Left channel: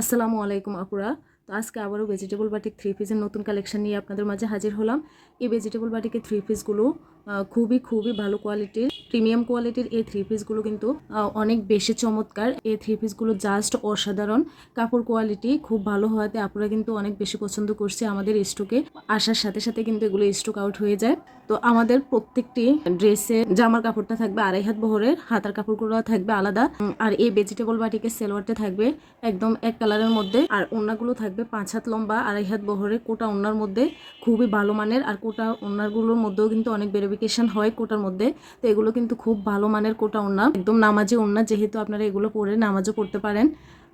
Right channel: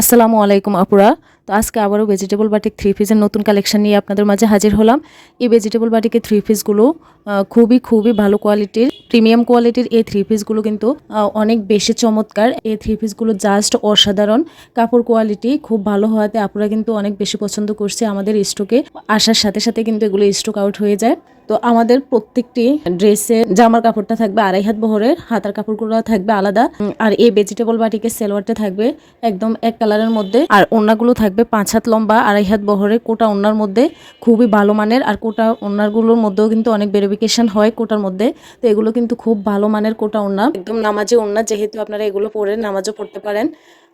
আসসালামু আলাইকুম আপুরা। তো আজকে আবারও ভেজিটেবল বাটিক থ্রি পিসের নতুন কালেকশন নিয়ে আপনাদের মাঝে হাজির হলাম। এই ভেজিটেবল বাটিকের থ্রি পিসগুলো খুবই খুবই ভালো কোয়ালিটির প্রিমিয়াম কোয়ালিটির এই থ্রি পিসগুলো কিন্তু অনেক বেশি চমৎকার। এই থ্রি পিসগুলো জাস্ট অসাধারণ। কাপড় কোয়ালিটি খুব ভালো হওয়াতে আপুরা কিন্তু অনেক বেশি পছন্দ করছে আমাদের স্টকে আসার সাথে সাথে কিন্তু এগুলো স্টক আউট হয়ে যায়। তো আমাদের প্রত্যেকটি ড্রেসে জামার কাপড়টা থাকবে আড়াই হাত বহরের, হাতার কাপড়গুলো থাকবে আলাদা আর এই ভেজিটেবল বাটিকে সেলোয়ারটা থাকবে একদম এক কালারের মধ্যে, আর ওড়নাগুলো থাকবে পাঁচ হাত লম্বা, আড়াই হাত বহরের কোটা ওড়নার মধ্যে খুবই ভালো মানের, আর কোটা ওড়নারগুলোর মধ্যেও কিন্তু অনেক ভেরিফিকেশন হয় কোটার মধ্যে, তো এগুলো কিন্তু খুব ভালো মানের কোটা ওড়না একদম নামাজে ওড়না যেহেতু আপনারা এগুলো পরে নামাজও পড়তে পারেন।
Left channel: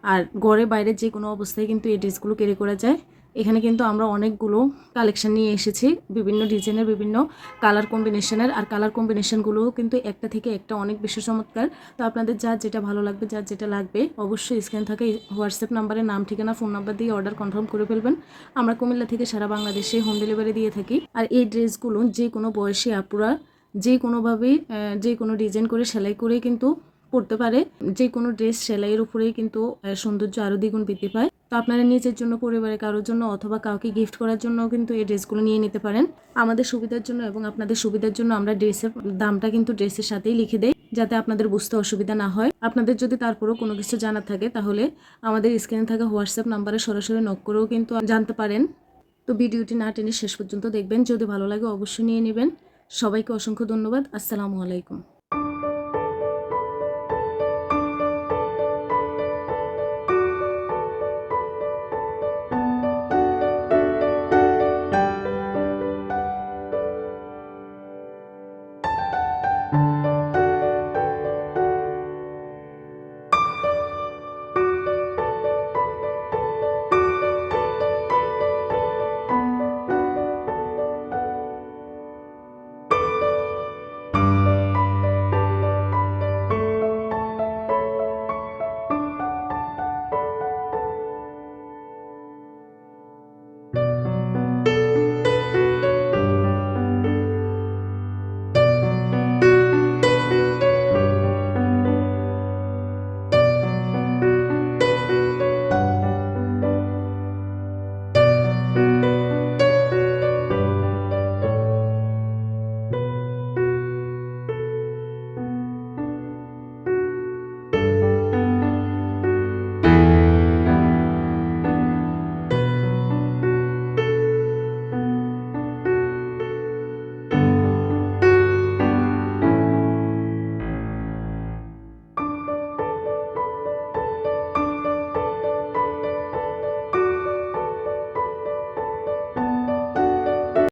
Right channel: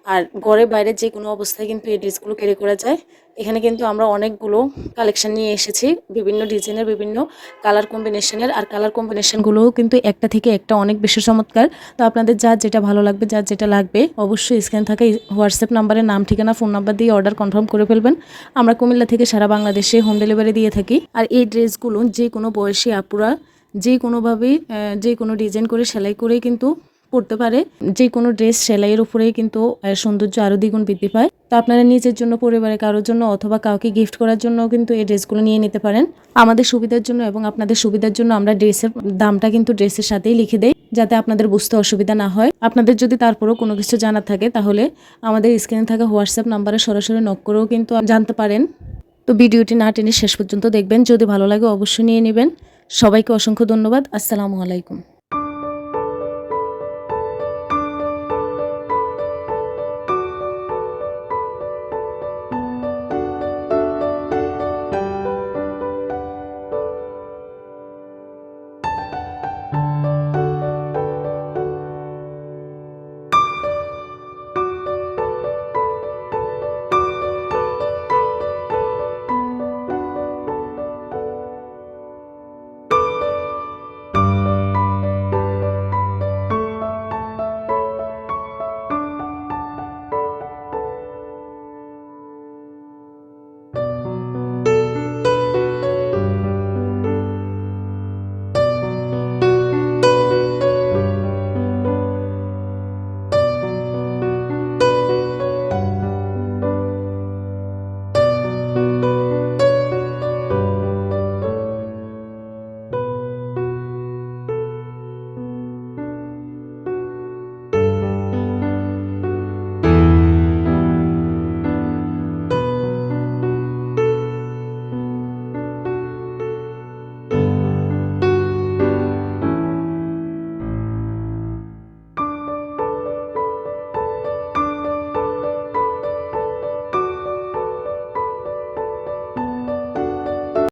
আর ঘরে বাইরে যে কোনো অবস্থায় কিন্তু এই ড্রেসগুলো ক্যারি করা যায়। এখানে কিন্তু আমরা অনেকগুলো কালেকশন নিয়ে এসেছি, বিভিন্ন ডিজাইনের বিভিন্ন কালার কম্বিনেশনের আর কালার কম্বিনেশনগুলোও কিন্তু একটা থেকে একটা অনেক বেশি চমৎকার। তো আপনাদের যার যেটা ভালো লাগবে, যার যেটা লাগবে, অবশ্যই স্ক্যান থাকা হোয়াটসঅ্যাপ নাম্বারে নাম, ঠিকানা ফোন নাম্বার দিয়ে অর্ডার কনফার্ম করে ফেলবেন। আমরা কুমিল্লা থেকে সারা বাংলাদেশে হোম ডেলিভারি দিয়ে থাকি। আর এই ড্রেসগুলো যে কোনো বয়সী আপুরা যে কোনোভাবেই যে কোনো ডিজাইন করে, সেলাই করেই কিন্তু পড়তে পারে। যে কোনো ড্রেস সেলাইয়ের উপরেই কিন্তু সৌন্দর্য আরও দ্বিগুণ বৃদ্ধি পায়। তো আপনারা নিজের জন্য পরিবারে কারোর জন্য অথবা কাউকে গিফট করার জন্য কিন্তু এই ড্রেসগুলো নিয়ে নিতে পারেন। আমাদের সুবিধার জন্য এবং আপনাদের সুবিধার জন্য আমরা ড্রেসের দামটা কিন্তু ড্রেসের সাথেই লিখে দেই, যাতে আপনাদের বুঝতে অসুবিধা না হয়। আপনাদের যদি তারপরেও কোনো কিছু জানার থাকে, তাহলে আমাদের স্ক্রিনে থাকা হোয়াটসঅ্যাপ নাম্বারে সরাসরি নক করেও কিন্তু জানতে পারেন। তো ভিডিওটি না টেনে শেষ পর্যন্ত দেখবেন। যদি ভালো লাগে, অবশ্যই নিয়ে নেবেন। সবাইকে অসংখ্য ধন্যবাদ। আসসালামু আলাইকুম।